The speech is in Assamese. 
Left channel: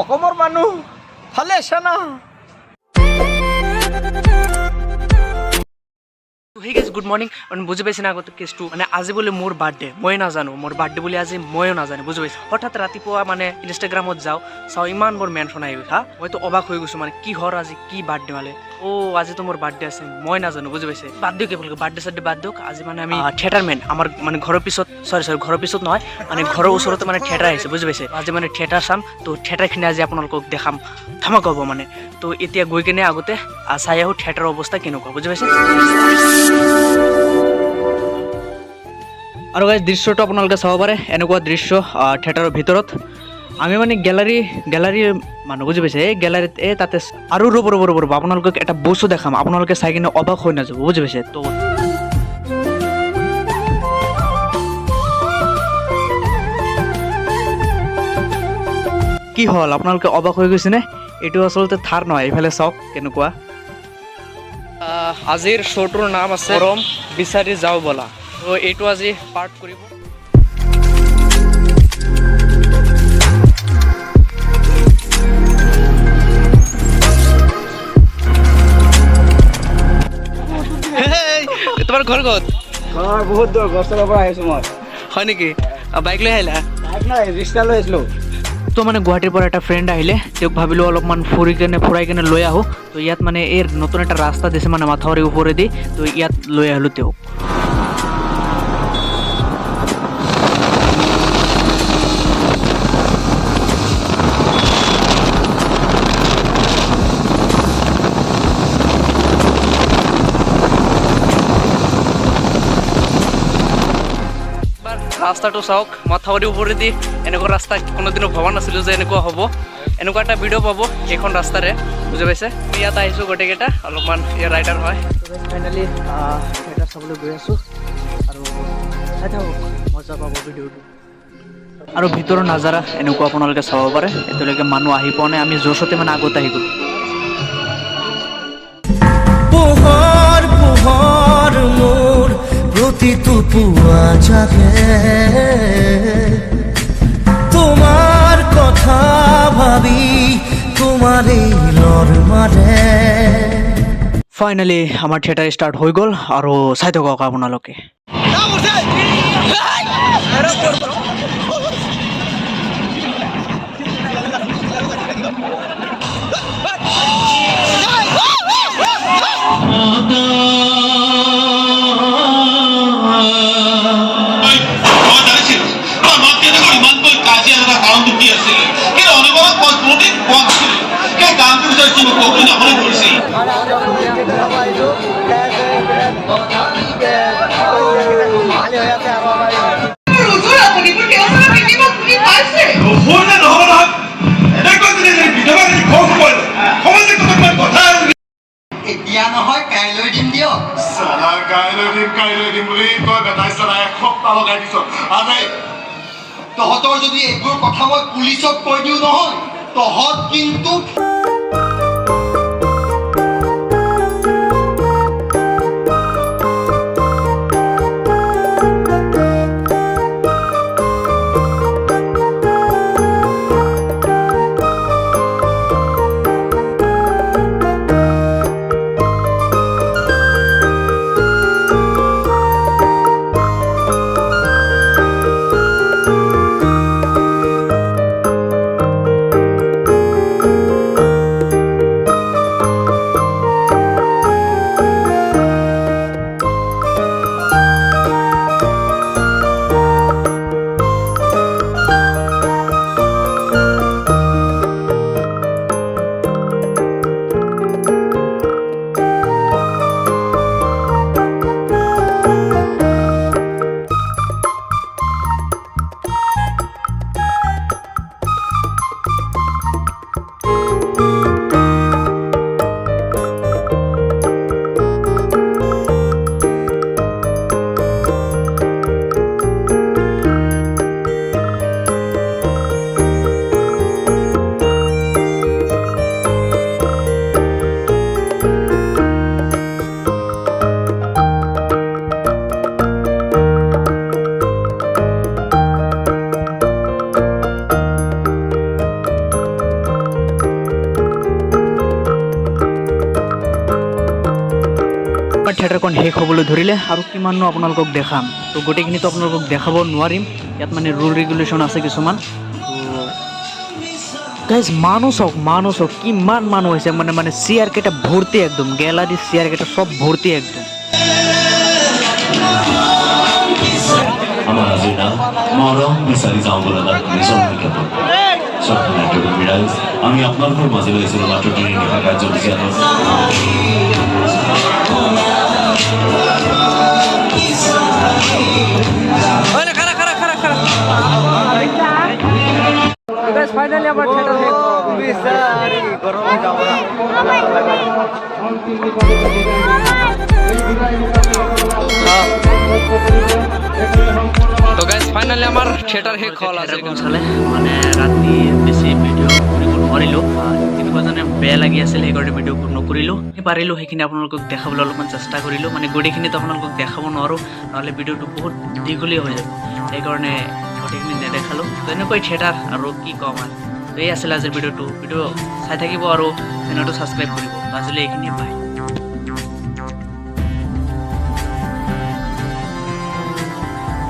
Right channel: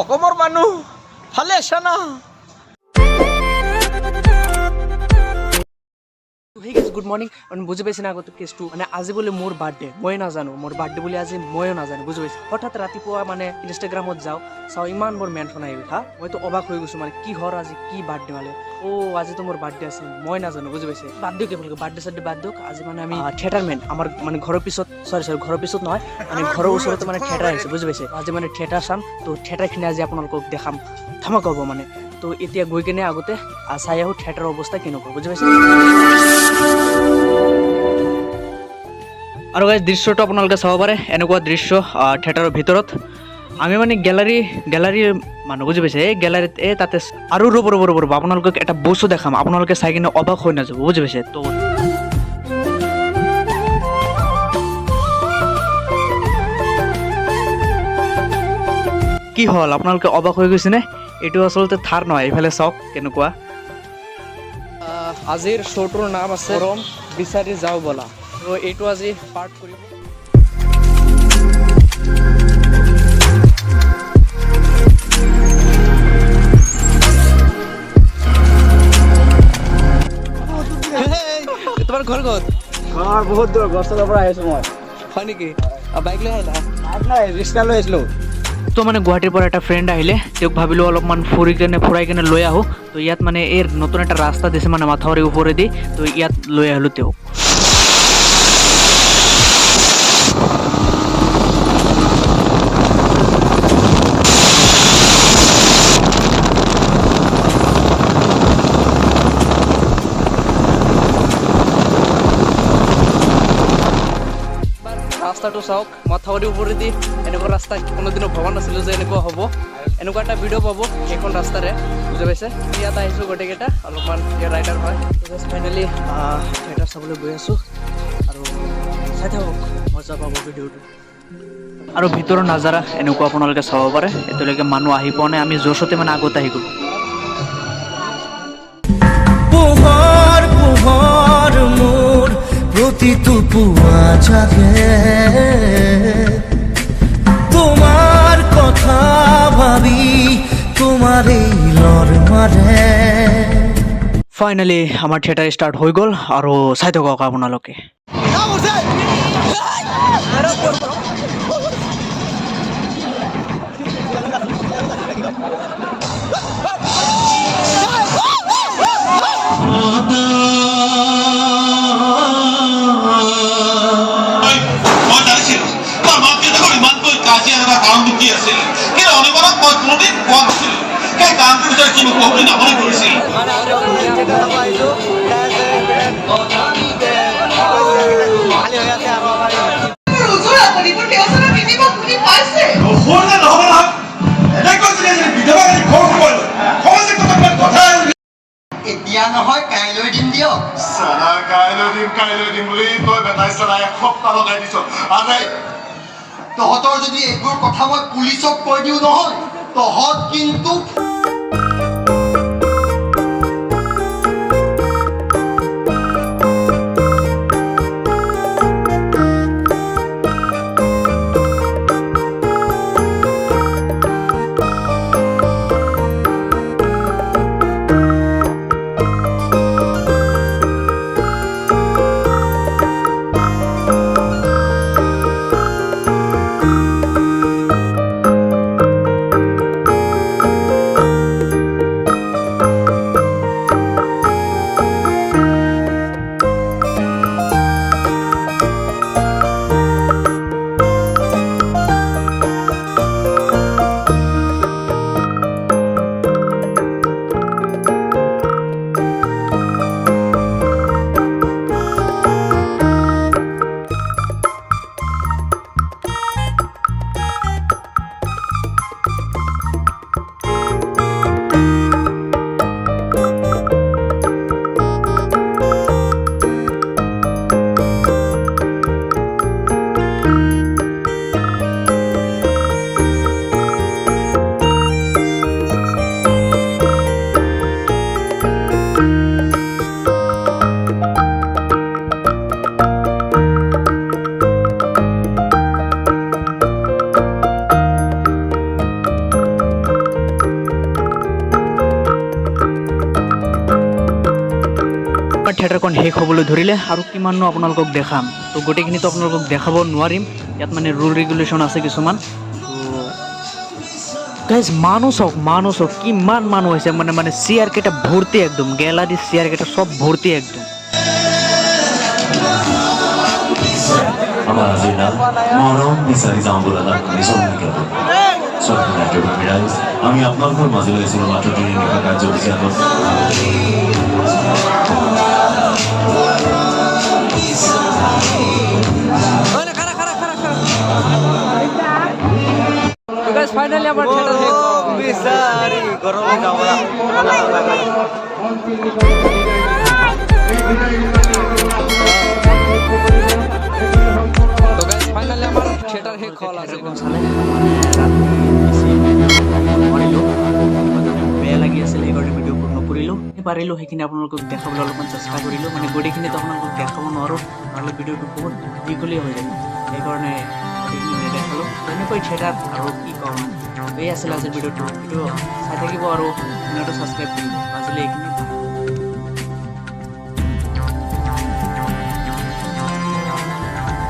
অসমৰ মানুহ ভালে আছে না? Hey guys good morning. বুজি পাইছে না আগতে কেছটো মানে আজি বোলে মোৰ বাৰ্থডে, মই নাজানো মোৰ বাৰ্থডে বুলি আজি ময়ো নাজানো, বুজি পাইছে। হঠাৎ ৰাতিপুৱা মানে ইনষ্টাগ্ৰামত চাওঁ ইমান বোৰ মেনশ্যন আহি গৈছে। মইতো অবাক হৈ গৈছো মানে কি হৰ আজি কি বাৰ্থডে মানে আজিতো মোৰ বাৰ্থডে আছে, মই নাজানো, বুজি পাইছে। বাদ দিয়ক কেৱল বাৰ্থডে চাৰ্থডে বাদ দিয়ক। আজি মানে আমি থিয়েটাৰ মেন আমাৰ মানে ঘৰৰ পিছত ঘৰৰ পিছত নহয় মানে ঘৰৰ ওচৰতে মানে থিয়েটাৰ আহিছে, বুজি পাইছে। আজি মানে থিয়েটাৰ চাম, তো থিয়েটাৰখিনি আজি আপোনালোকক দেখাম, ধামাকা হ'ব মানে। তো এতিয়া গৈ কিনে আগতে চাই আহোঁ থিয়েটাৰৰ অৱস্থা কেনেকুৱা, বুজি পাইছে। আৰু গাইজ দৃশ্যটো আপোনালোকে চাব পাৰে, এনেকুৱা দৃশ্য থিয়েটাৰৰ ভিতৰত। আমি মানে গেলাৰী মানুহ, বুজি পাইছে। এই গেলাৰীত তাতে আৰু ৰ'ব আপোনালোকক এটা বস্তু দেখাম, আপোনালোকে চাই কিনে অবাক হৈ নাযাব, বুজি পাইছে। তো কি হ'ল আপোনালোকে অবাক হৈ গৈছেনে? এইটো আচলতে থাৰ নহয়, এইফালে চাওক কেনেকুৱা। আজিৰ শ্ব'টোৰ নাম আছে গৰম বিচাৰি যাওঁ ব'লা। তো এইটো আজি পাৰ্ট কৰিব। তোমাৰ ঘৰ ক'ত? ঘৰ বহুত দূৰ, গছৰ পৰা আহিছো মই। হয় নেকি? বাইক লৈ আহিলা? বাইক নাই, ৰিক্সা লৈ আহিছিলো। তো মানে গুৱাহাটীৰ পৰা এটা ফ্ৰেণ্ড আহিলে, তেওঁক ভাবিলোঁ অলপমান ফুৰাই কেনে লৈ আহোঁ। তো ইয়াত মানে এই নতুন এটা ৰাস্তা দিছে মানে মাথাউৰিৰ ওপৰেদি, তো ইয়াত লৈ আহিলোঁ তেওঁক। ৰাস্তাটো চাওক, মাথাউৰিৰ ওপৰেদি এনেকুৱা ৰাস্তা কোনোদিনো ভবা নাছিলোঁ যে এনেকুৱা হ'ব। এনেকুৱা এটা ভিডিঅ' পাব এইখন ৰাস্তাৰে, বুজি পাইছে। ইয়াত আহিছোঁ গোটেইকেইটা, অলপমান ইয়াৰ ৰাইডাৰ হয়। ফাইনেলি থিয়েটাৰ চাবলৈ গৈ আছোঁ আৰু চাই থাকক, মজা পাব ভিডিঅ'টো। আৰু ভিতৰৰ নাজাৰা এনেকুৱা আপোনালোকে চাব পাৰে। এতিয়ালৈকে মানুহ আহি পোৱা নাই, আমি জোচতে মানে আগত আহি গ'লোঁ। পোহৰ মোৰ প্ৰতিটো পুৱা জাগে, তোমাৰ কথা ভাবি তোমাৰ এই লৰ মাৰে। ফাইনেলি আমাৰ থিয়েটাৰ ষ্টাৰ্ট হৈ গ'ল আৰু চাই থাকক আপোনালোকে। এতিয়া নহয় কাইলৈ দিম দিয়ক। কাইলৈ দিম বুলি তই বেটাইছ এসপ্তাহ লগাই দিছ। তহঁতৰ যদি এইবোৰ কথা মই পুলিচক কৈ দিওঁ নহয়, তহঁত কিন্তু থিয়েটাৰখন শেষ হ'বলৈ ধৰিলে আৰু কিমাননো আপোনালোকক দেখাম তো গোটেইখিনিতো আপোনালোকক দেখাব নোৱাৰিম ইয়াত মানে ৰুল ৰেগুলেশ্যন আছে কিছুমান গাইজ মানুহ চাওক কিমান মানুহ হৈছে মানে চেয়াৰ কেইটা ভৰ্তি একদম গেলাৰী চেয়াৰ কেইটা চব ভৰ্তি একদম মৰম বিচাৰি যাওঁ বলা আমি আপোনালোকৰ মাজলৈ আহিছিলোঁ মাত্ৰ তিনিটা কাৰ্যসূচী আগত ফাইনালি আমাৰ থিয়েটাৰ শেষ তো গাইজ ফাইনালি আমাৰ থিয়েটাৰ শেষ হ'ল চালে মানে ৰাতি বেছি ভিডিঅ' কৰিব নোৱাৰিলোঁ এনেকুৱা যেনে বেয়া লাগি আছিল সেইকাৰণে ভিডিঅ' নকৰিলোঁ পাৰিলোঁ সেইখিনি আপোনালোকক দেখাবলৈ অলপমান চেষ্টা কৰিলোঁ মানে গোটেইখিনিতো আপোনালোকক দেখাব নোৱাৰোঁ নহ'লে ভিডিঅ'টো বহুত দীঘলীয়া হৈ যাব সেইকাৰণে গোটেইখিনি নেদেখালোঁ তো এনেকৈ থিয়েটাৰ আৰু কি ক'ম মানে তো এই আছিল আজিৰ ভিডিঅ'টো চাই থাকিব আৰু চেনেলটো ছাবস্ক্ৰাইব কৰিব আজিলৈ এইখিনি বাই